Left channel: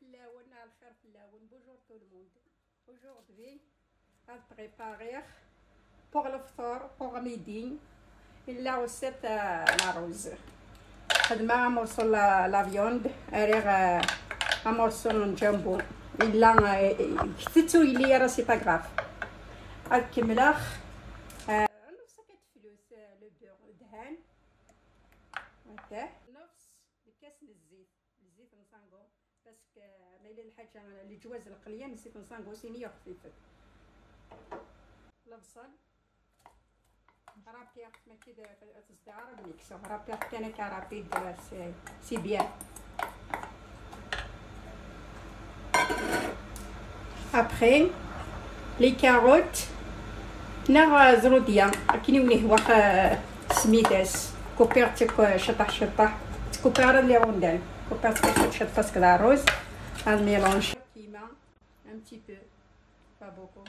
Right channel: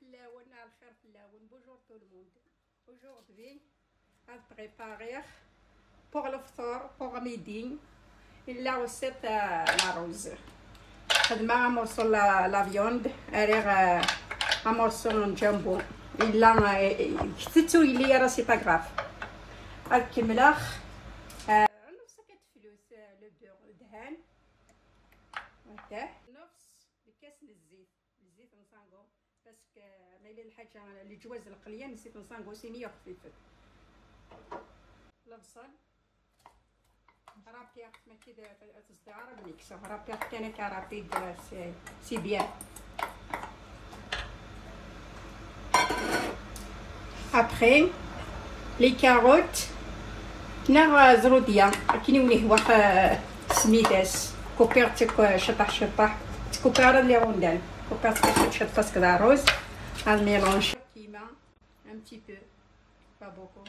Bonjour tout le monde. Aujourd'hui, on va préparer pour le fort, pour midi, la recette la rose. خدمة عمرسو لا فيوند أريغ عمرسو جامبو إلا كتتو إلي راه سي با كراف الكملاخ نص كتفلوس لو دهان هكاه نص كاس الزيت نصانغو باسكو مايلا الحاجة الجواز القلية نسيت نصانغو سينية خفيفة البصل رابيع ما كده تستعرض ميكس رابيع كان كرابيد سي بيان ابري لي كاروت نغ زروديا كيني واخ سميتاس كوبيرتك شطح تكوبيرا لي روندان كوبيرتك شطح كدا روز هاد ميلونج كيما un petit peu pas beaucoup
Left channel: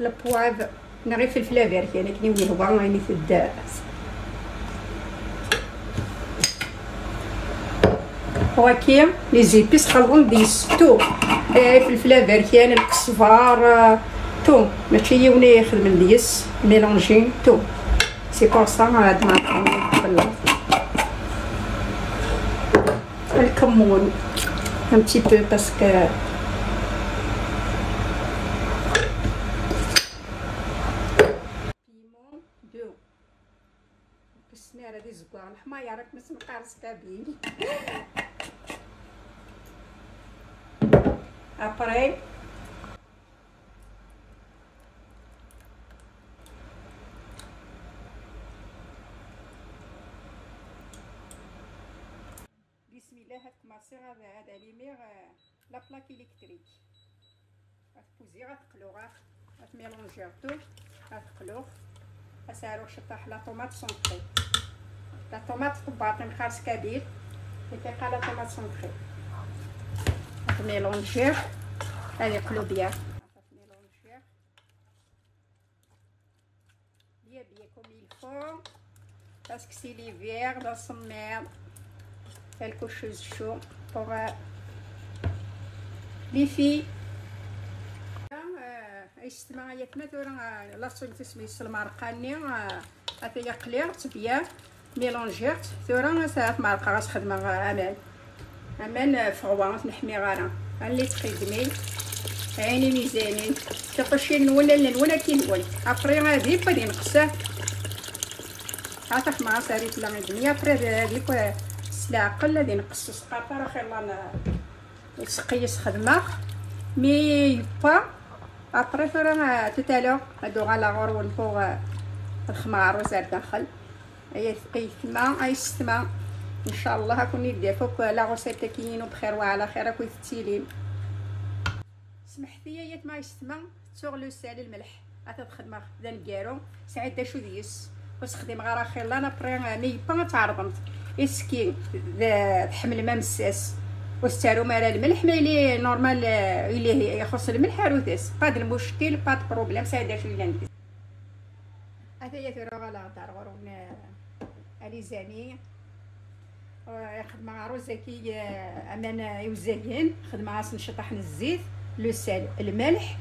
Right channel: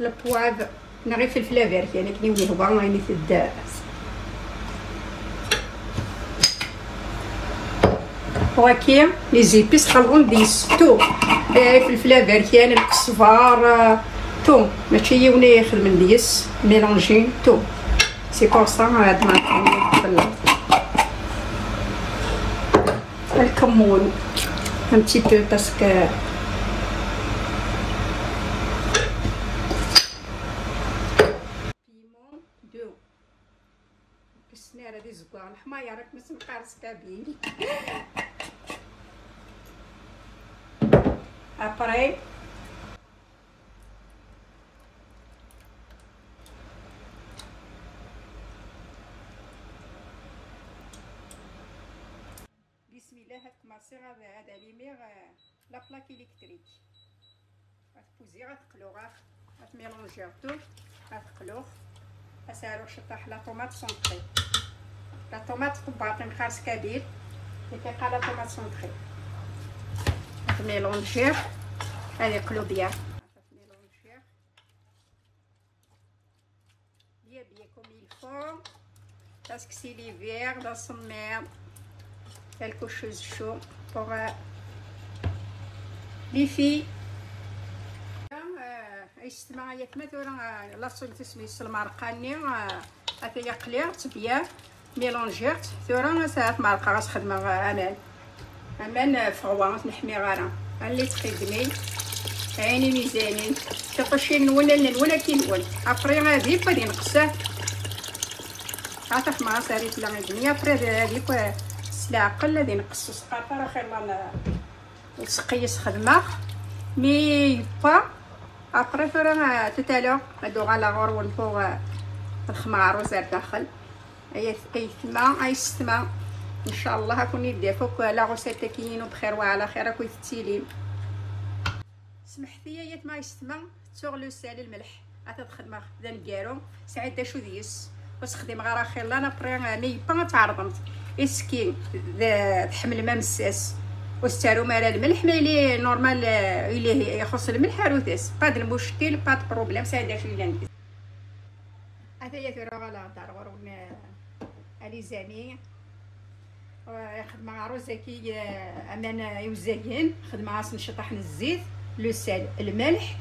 البواف نغي فلفله فيرت يعني كني هو راني في الدار وكيم لي زيبيس خلقون ديس تو فلفله فيرت يعني الصفار تو ماشي يوني يخدم ديس ميلونجين تو سي بور سا هاد الكمون un petit peu parce que السناره دي زكوار الحمايه راك ما سنقارص كابيني ابري بسم الله هتكماسي هذا ليمير لا بلاك الكتريك غتبوزي غتقلو غتميلونجياتو غتقلوه اسالو شطح لا طوماط سونطري لا طوماط باقي مخاص كبير اللي كيبقى لا طوماط سونطري ميلونجيه هذيك لوبيا ميلونجيه بيان كوم يلفو باسكو سي ليفير لا سمير quelque chose chaud pour les filles اجتماع يتمثل لاصون تسمي المرقاني هاتي قليرت بيان ميلونجيرت ثورا ساعات مرقه غاس خدمه امان فغوا نحمي غارة اللي تخدمي عيني ميزاني تقشي ولا كينول ابري غادي غادي نقصه عطاك مع ساريت لا غيدني ابري هذيك السلاقل غادي نقص سقاطه راه خير لا نسقيس خدمه مي با ابري ثورا تتالو هادو على غور والفوق الخمار وزاد داخل هي ثقيل كما ايستما ان شاء الله كون يدير فوق لا غوسيت كاينين بخير وعلى خير كوي تيلين سمحتي يا ما يستما سوغ لو سال الملح غتخدم ذا الكارو سعيد دا شو ديس بس خدم غير خير لا نبري مي با تعرضت اسكي تحمل ما مساس واستارو مالا الملح لي نورمال اللي يخص الملح روتاس با المشكل با بروبليم سعيد شو ندير هذه ثورة غلا دار غروب علي زاني خدمة مع روزاكي امان يوزاين خدمة عاص نشطح الزيت لو سال الملح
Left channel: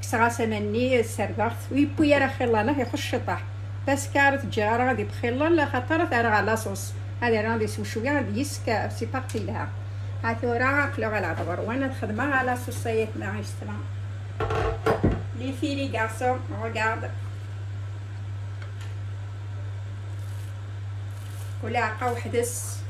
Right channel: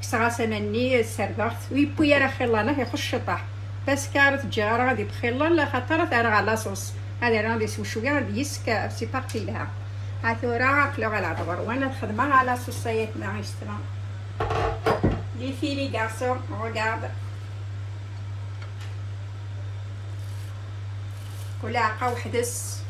كسغاسه مني السرداخ ويبويا راه خلانا يخش الشطح بس كارت جاره غادي بخيلا لا خاطر تاع على صوص هذه راه غادي يسوي شويه غادي يسكا سي بارتي لها ها ثورة كلو على العبر وانا الخدمه على صوصيات مع يشترا لي فيلي غارسون ريغارد ولاعقه وحدس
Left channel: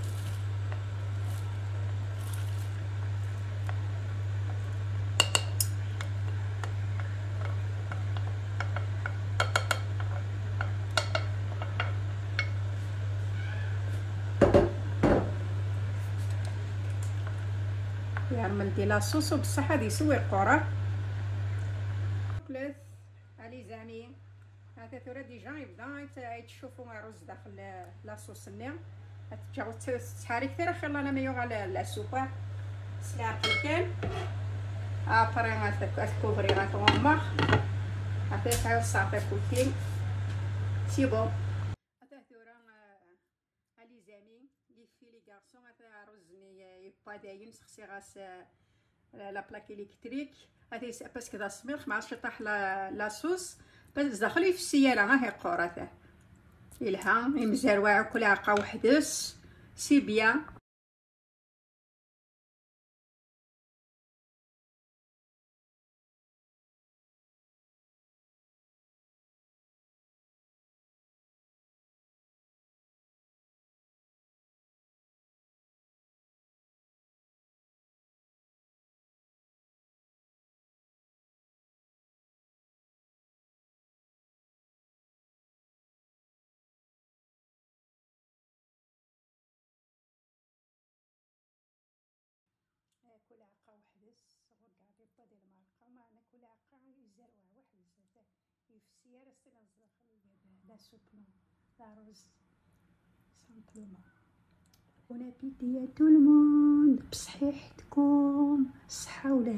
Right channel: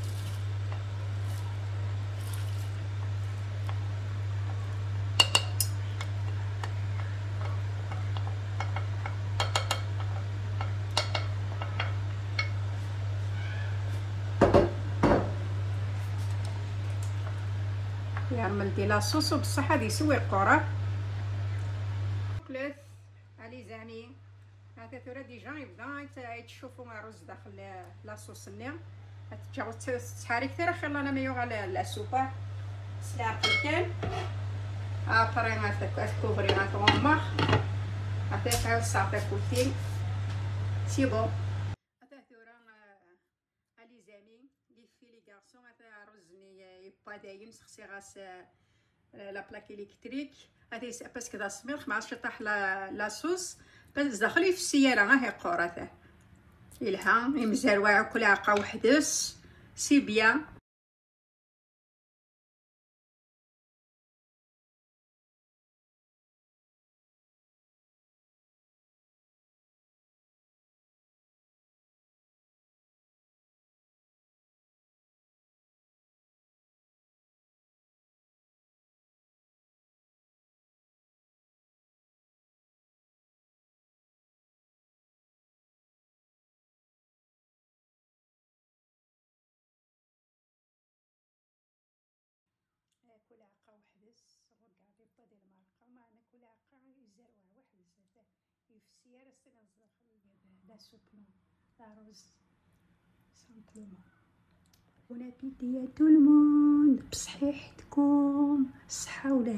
يعمل دي لاصوص بصح هادي يسوي القرا كلاث علي زعمي هذا ثورة ديجا يبدا تشوفوا الرز داخل لاصوص النير تجاوز تحاري كثير خلينا نيو على السوبر سلاق كان ابري ما تكوبري ما تومخ هذا صافي كوتين سي بون هذا ثورة غادي يمسخسي غاس لا بلاك الكتريك غادي باسكو دا سميرخ ما عرفتش يطيح لاصوص بس داخلي في السياره ها هي قورته إلها مزروعه كل عقا وحدس سي بيان. كل عقا وحدس غادي يبطا دير مرقه معنا كل عقا يزروع وحدس هذا في السياره سنا لا سوب لا روز سامبلومون. بون ابيتي يا تو الموند بصحيحتكم الصحه ولا